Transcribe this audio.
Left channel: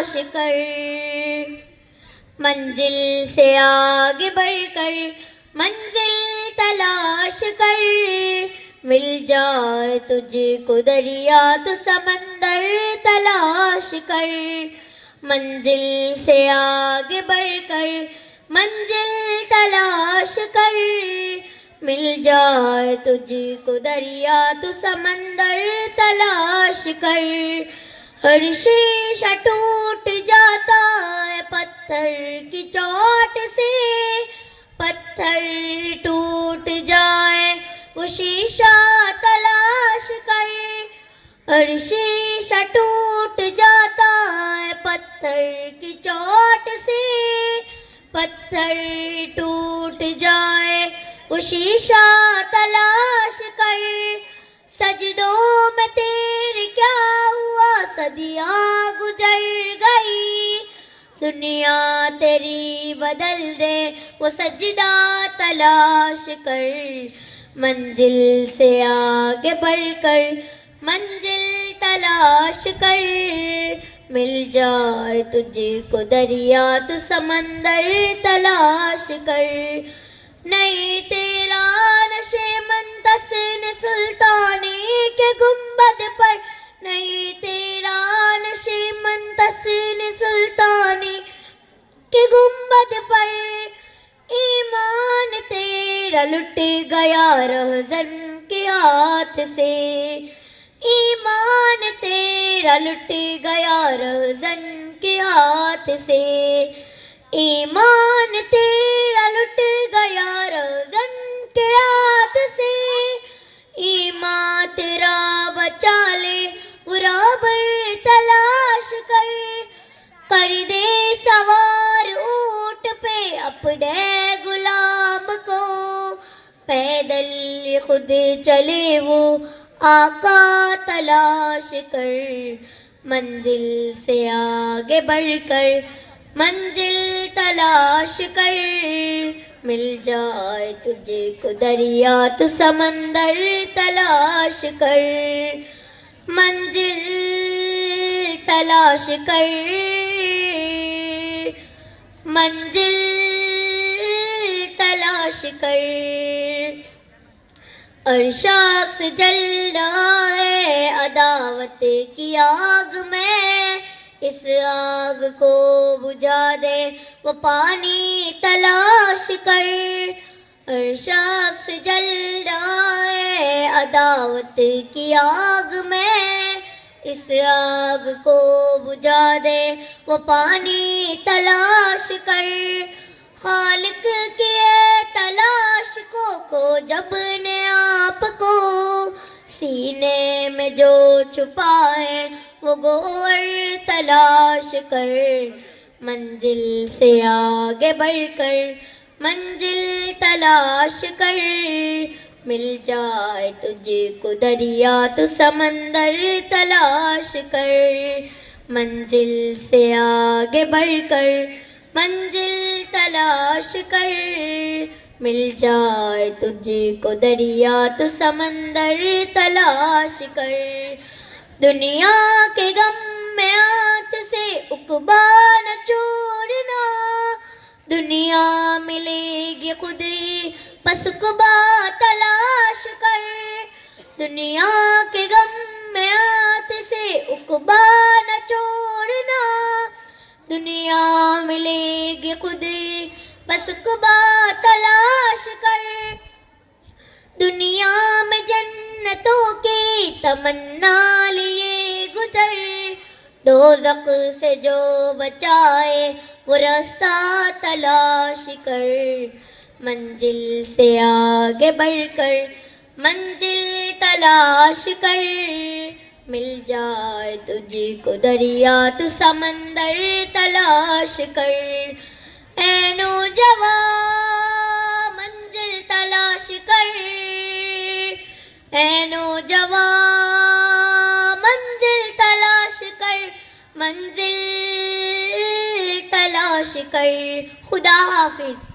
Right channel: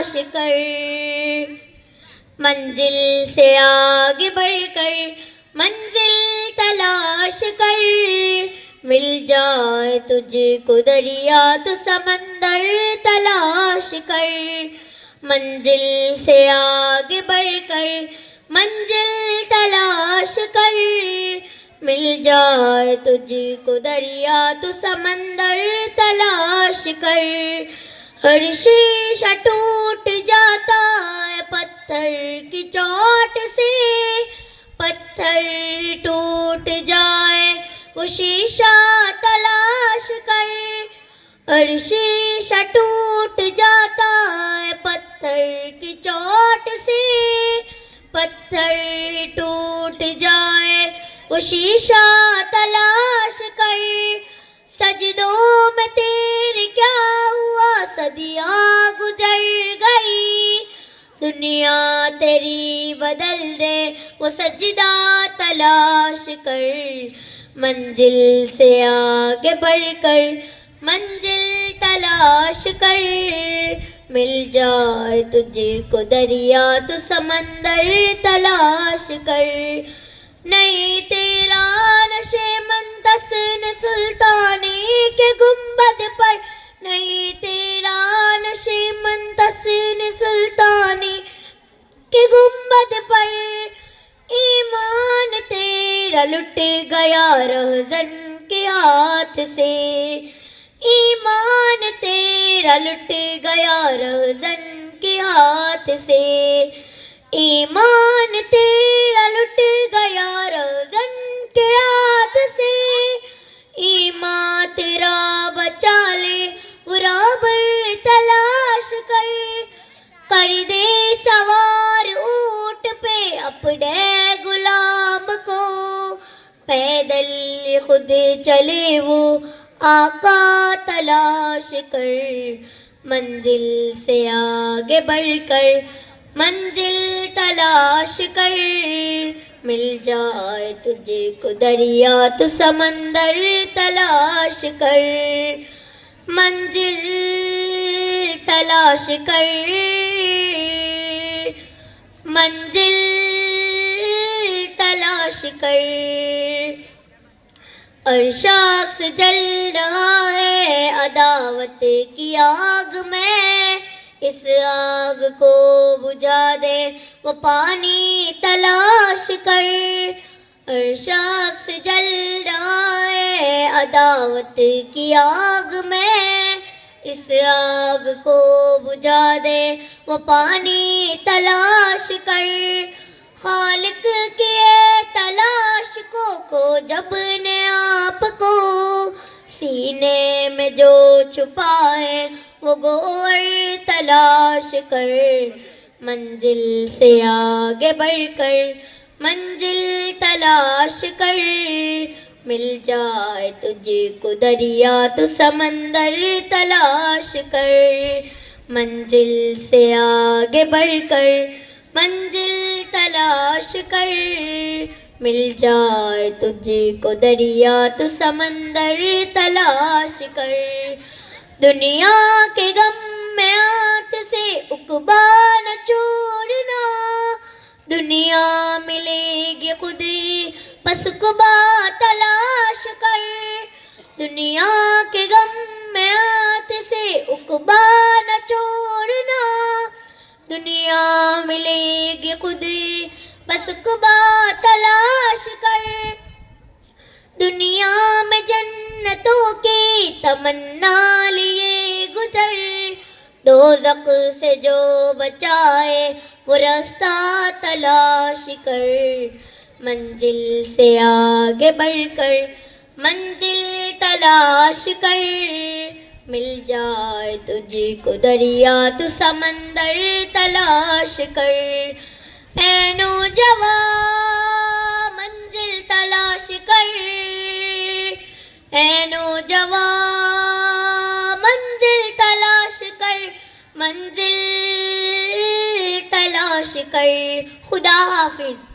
تلاش کر، منزل سے آگے بڑھ کر منزل تلاش کر، مل جائے تجھ کو دریا تو سمندر تلاش کر، منزل سے آگے بڑھ کر منزل تلاش کر، مل جائے تجھ کو دریا تو سمندر تلاش کر، ہر شیشہ ٹوٹ جاتا ہے پتھر کی چوٹ سے، پتھر ٹوٹ جائے وہ شیشہ تلاش کر، ہر شیشہ ٹوٹ جاتا ہے پتھر کی چوٹ سے، پتھر ٹوٹ جائے وہ شیشہ تلاش کر، سجدوں میں تیرے کیا ہوا صدیاں گزر گئی، دنیا تیری بدل دے وہ سجدہ تلاش کر، منزل سے آگے بڑھ کر منزل تلاش کر، مل جائے تجھ کو دریا تو سمندر تلاش کر، نہیں تیرا نشے منتصر سلطانی کے گنبد پر، نہیں تیرا نشے منتصر سلطانی کے گنبد پر، ایمان تیرا لٹ گیا رہزن کے ہاتھ سے، ایمان تیرا لٹ گیا رہزن کے ہاتھ سے، ایمان تیرا لٹ گیا رہزن کے ہاتھ سے، ایمان تیرا بچا لے برابر تلاش کر دے سوار اونٹ پہ اپنے غلام کو، پیدل خود چلے وہ آقا تلاش کر، منزل سے آگے بڑھ کر منزل تلاش کر، مل جائے تجھ کو دریا تو سمندر تلاش کر، منزل تلاش کر، منزل تلاش کر، عرشاق سے جل رہا ہے عداوت کی آگ میں، اس آگ کو بجھا دے وہ پانی تلاش کر، عرشاق سے جل رہا ہے عداوت کی آگ میں، اس آگ کو بجھا دے وہ پانی تلاش کر، خالق کیے تلاش کو جب نے آپ کو، سینے میں جو چھپائے وہ گوہر تلاش کر، منزل سے آگے بڑھ کر منزل تلاش کر، مل جائے تجھ کو دریا تو سمندر تلاش کر، منزل سے آگے بڑھ کر منزل تلاش کر، مل جائے تجھ کو دریا تو سمندر تلاش کر، دنیا کے غم میں ہاتھ سے عقبہ نہ چھوڑنا، دنیا ملے گی خود ہی بس عقبہ تلاش کر، دنیا کے غم میں ہاتھ سے عقبہ نہ چھوڑنا، دنیا ملے گی خود ہی بس عقبہ تلاش کر، دنیا میں جنتوں کی تمنا لیے گزر، دوزخ سے جو بچائے وہ راستہ تلاش کر، منزل سے آگے بڑھ کر منزل تلاش کر، مل جائے تجھ کو دریا تو سمندر تلاش کر، اے نوجوان منزل تلاش کر، اے نوجوان منزل تلاش کر، منزل تلاش کر، خدا حافظ.